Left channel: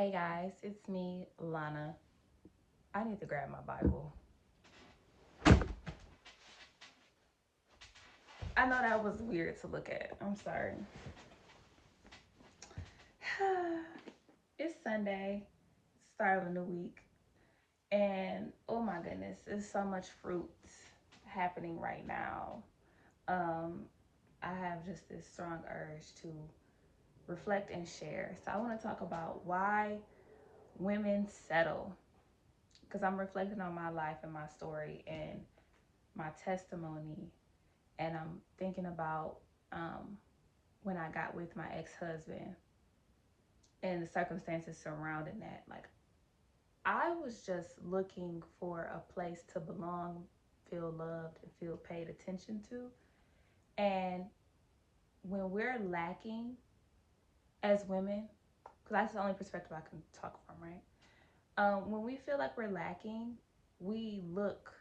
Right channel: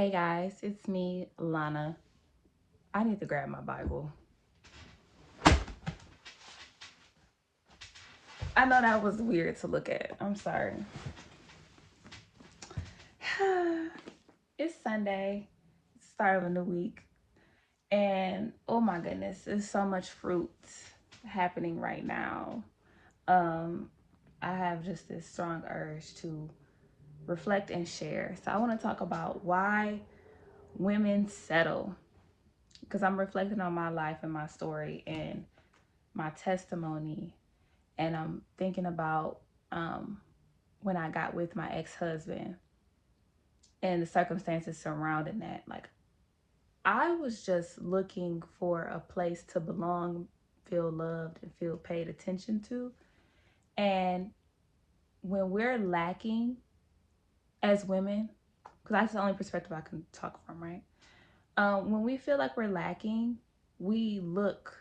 Hey guys, it's me, Lana. I need to grab my Bible. I know that was weird to look at. I'm sorry. It's Sunday, start of a new week, and oh my goodness, there's so much fruit happening right now. Um, I have just this strong urge to reflect and share. So I want to talk about why women settle, because I'm reflecting on my life and my story and my testimony, and I'm thinking about um, when I got with my ex-husband and the circumstances surrounding that. Like, I was just looking for a place to belong, feel loved, and feel paid attention to. And when we're lacking as women, because that's the only perspective I can talk from, right? When we feel like we're lacking, we look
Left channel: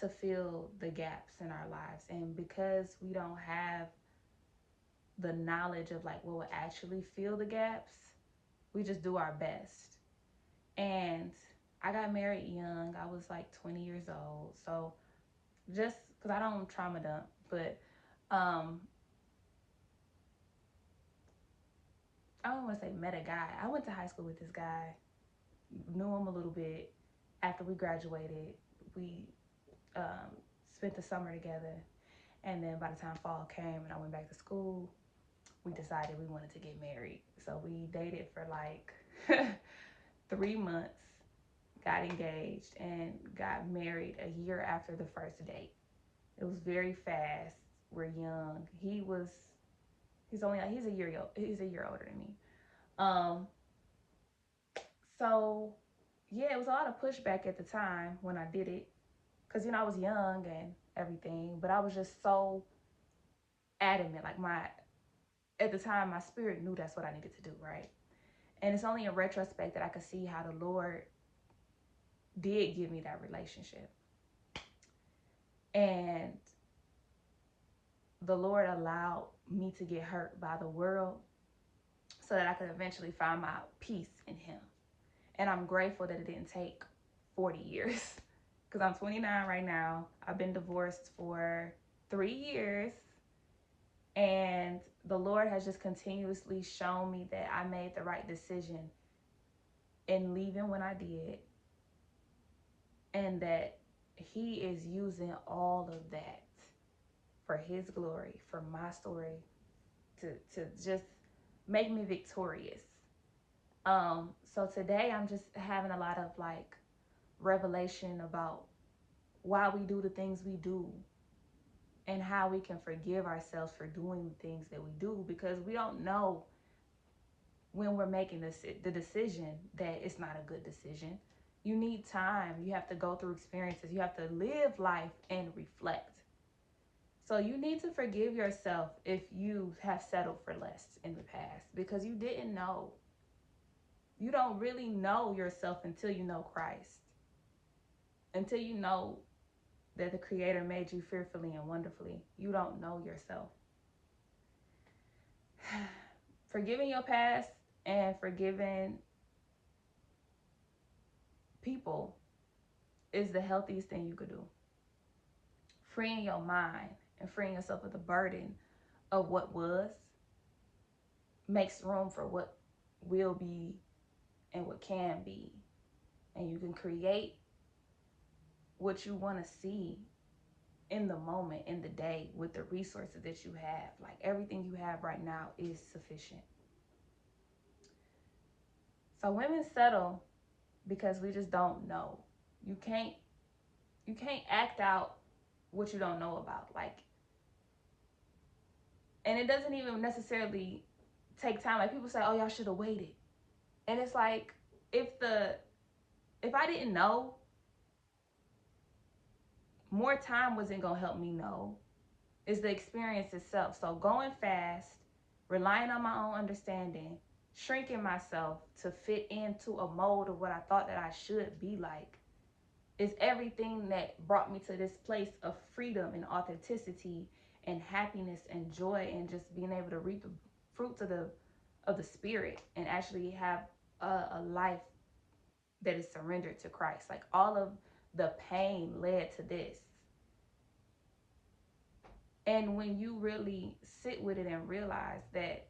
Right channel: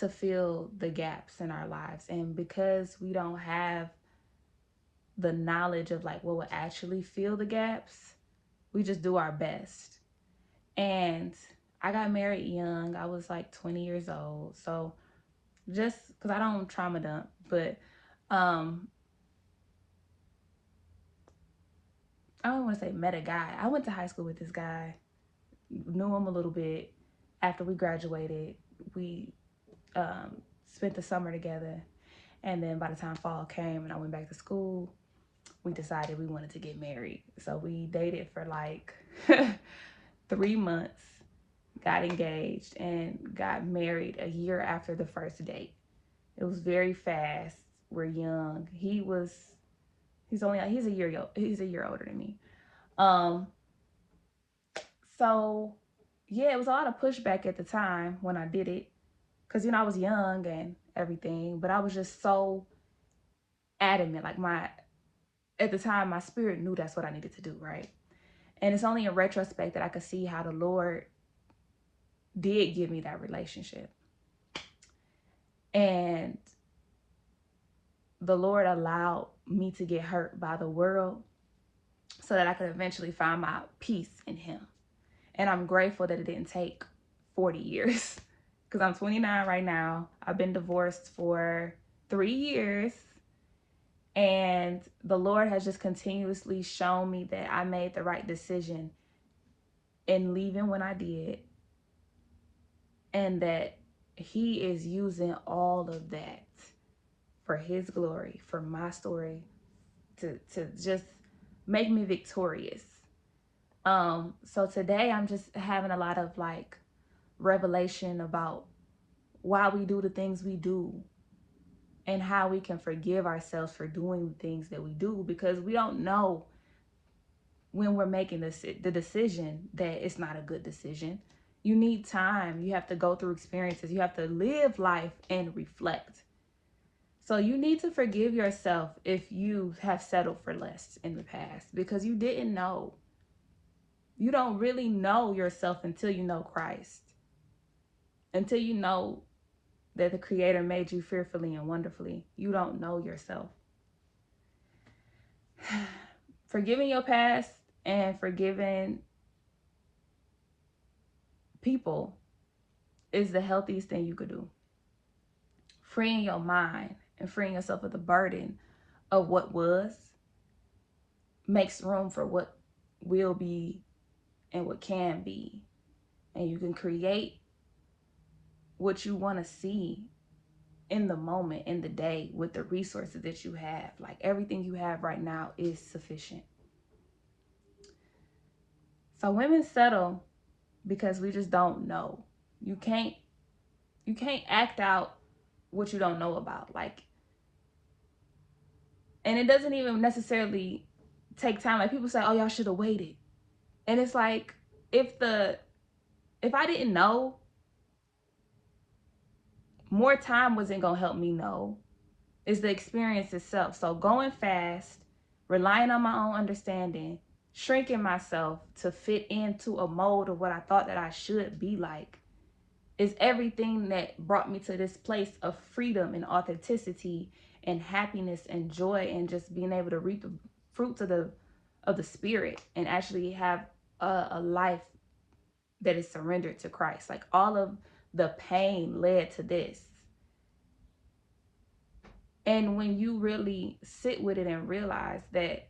to fill the gaps in our lives. And because we don't have the knowledge of like what would actually fill the gaps, we just do our best. And I got married young. I was like 20 years old. So just because I don't trauma dump, but um, I don't want to say met a guy. I went to high school with this guy, knew him a little bit. After we graduated, we spent the summer together. And then by the time fall came and I went back to school, we decided we wanted to get married. So we dated for like 3 months, got engaged, and got married a year after the first date. It was very fast. We're young. He's a year older than me. Um, so yeah, it was a lot of pushback at the time when I did it, because I was young and everything, but I was just so adamant. Like my at the time, my spirit knew that's what I needed to do, right? And it's only in retrospect that I could see how the Lord did give me that relationship. And the Lord allowed me to get hurt by the world so that I could eventually find my peace in Him. And I'm grateful that it didn't take 40 years because I'm 29 right now. I've been divorced for 3 years. And the Lord has just continuously shown me that I made the right decision in leaving when I did, and that He is using all of that for His glory, for my story, to just make me victorious. So today I'm just having a lot of like revelation about why we do the things we do and how we can forgive ourselves for doing the things that we do, because we don't know when we're making the decision that it's not a good decision. You need time. You have to go through experiences. You have to live life and reflect. So you need to forgive yourself if you have settled for less in the past because you didn't know. You don't really know yourself until you know Christ. Until you know that the Creator made you fearfully and wonderfully. You don't know yourself. Forgiving your past and forgiving people is the healthiest thing you could do. Freeing your mind and freeing yourself of the burden of what was makes room for what will be and what can be. And you can create what you want to see in the moment, in the day, with the resources that you have. Like everything you have right now is sufficient. So women settle because we just don't know. You can't act out what you don't know about. Like, and it doesn't even necessarily take time. Like people say, "Oh, y'all should have waited," and it's like if I didn't know, more time wasn't gonna help me know. It's the experience itself. So going fast, relying on my own understanding, shrinking myself to fit into a mold of what I thought that I should be like, is everything that brought me to this place of freedom and authenticity and happiness and joy and just being able to reap the fruits of the spirit and actually have a life that is surrendered to Christ. Like all of the pain led to this. And when you really sit with it and realize that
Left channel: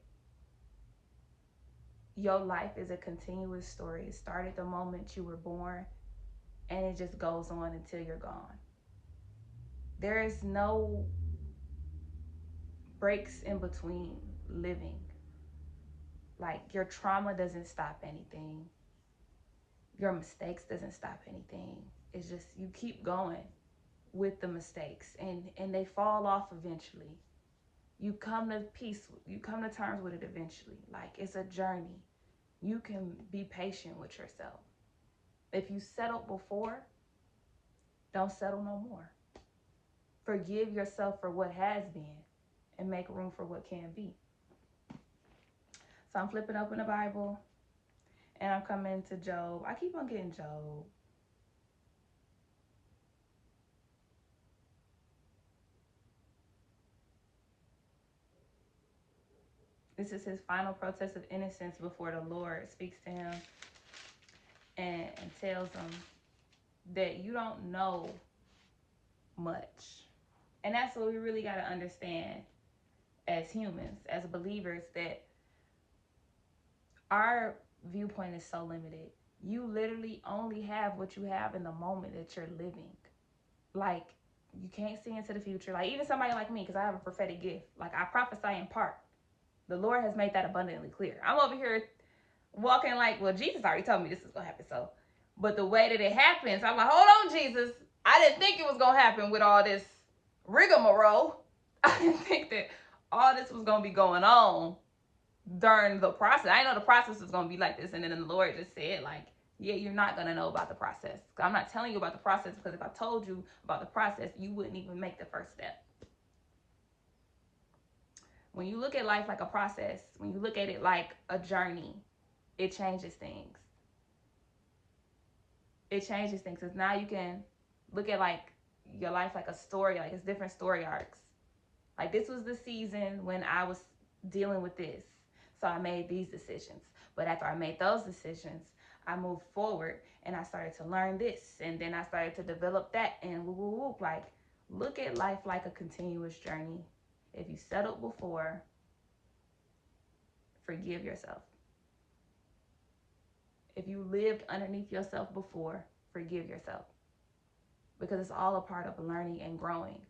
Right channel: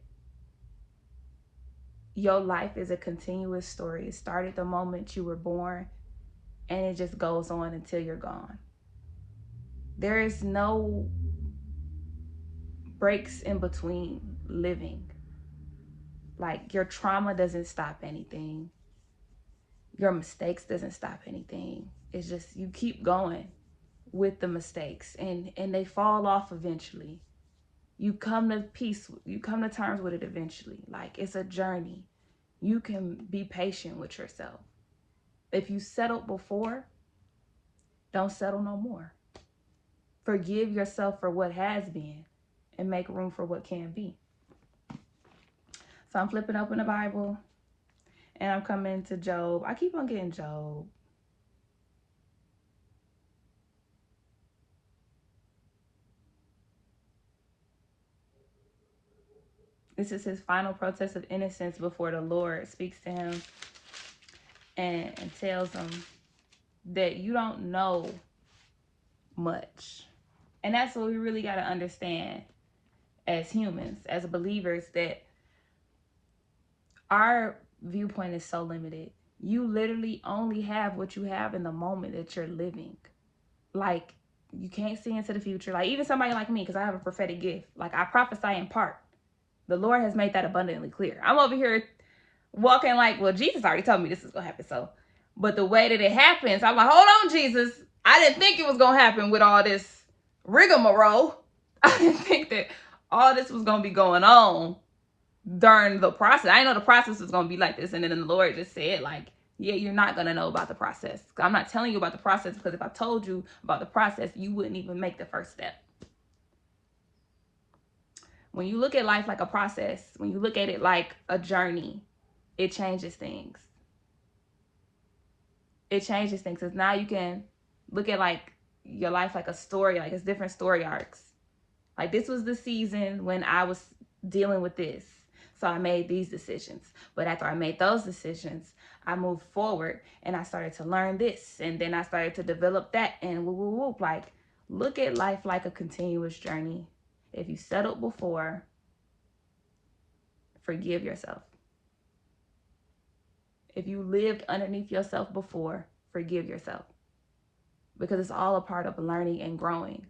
your life is a continuous story, it started the moment you were born and it just goes on until you're gone. There is no breaks in between living. Like your trauma doesn't stop anything. Your mistakes doesn't stop anything. It's just you keep going with the mistakes and they fall off eventually. You come to peace, you come to terms with it eventually. Like it's a journey. You can be patient with yourself. If you settled before, don't settle no more. Forgive yourself for what has been and make room for what can be. So I'm flipping open the Bible and I'm coming to Job. I keep on getting Job. This is his final protest of innocence before the Lord speaks to him and tells him that you don't know much. And that's what we really got to understand as humans, as believers, that our viewpoint is so limited. You literally only have what you have in the moment that you're living. Like, you can't see into the future. Like, even somebody like me, because I have a prophetic gift. Like, I prophesy in part. The Lord has made that abundantly clear. I'm over here walking like, well, Jesus already told me this is going to happen. So, but the way that it happens, I'm like, hold on, Jesus. I didn't think it was going to happen with all this rigmarole. I didn't think that all this was going to be going on during the process. I didn't know the process was going to be like this. And then the Lord just said, like, yeah, you're not going to know about the process. I'm not telling you about the process because if I told you about the process, you wouldn't even make the first step. When you look at life like a process, when you look at it like a journey, it changes things. It changes things because now you can look at like your life like a story, like it's different story arcs. Like this was the season when I was dealing with this. So I made these decisions. But after I made those decisions, I moved forward and I started to learn this. And then I started to develop that and whoop, whoop, whoop. Like, look at life like a continuous journey. If you settled before, forgive yourself. If you lived underneath yourself before, forgive yourself. Because it's all a part of learning and growing.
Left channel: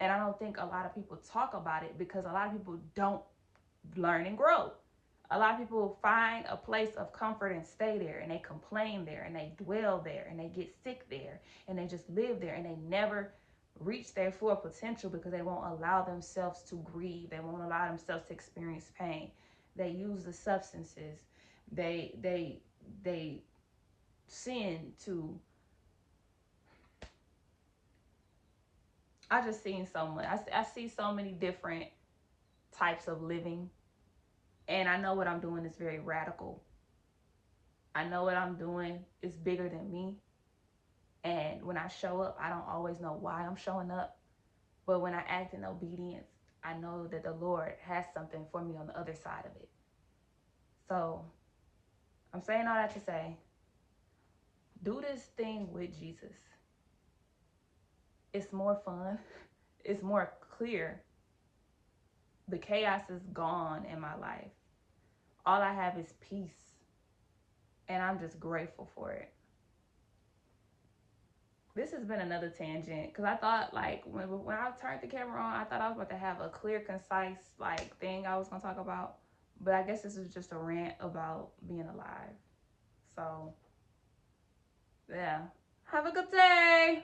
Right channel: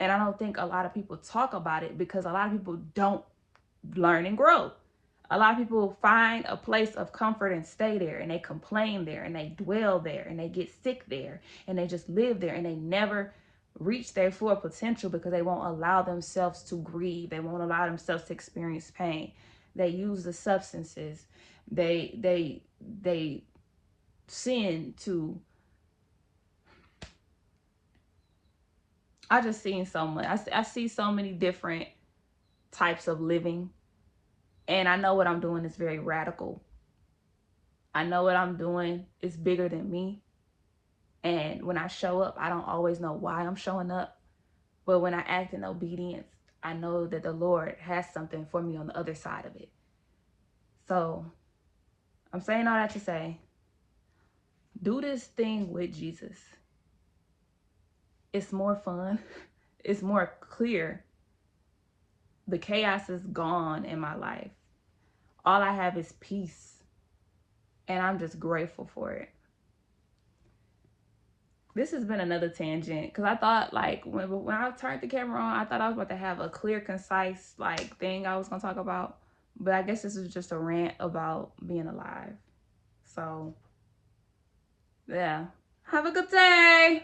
And I don't think a lot of people talk about it because a lot of people don't learn and grow. A lot of people find a place of comfort and stay there, and they complain there, and they dwell there, and they get sick there, and they just live there, and they never reach their full potential because they won't allow themselves to grieve. They won't allow themselves to experience pain. They use the substances. They sin to. I just seen so much. I see so many different types of living. And I know what I'm doing is very radical. I know what I'm doing is bigger than me. And when I show up, I don't always know why I'm showing up. But when I act in obedience, I know that the Lord has something for me on the other side of it. So I'm saying all that to say, do this thing with Jesus. It's more fun. It's more clear. The chaos is gone in my life. All I have is peace. And I'm just grateful for it. This has been another tangent because I thought like when I turned the camera on, I thought I was about to have a clear, concise like thing I was going to talk about. But I guess this is just a rant about being alive. So, yeah. Have a good day.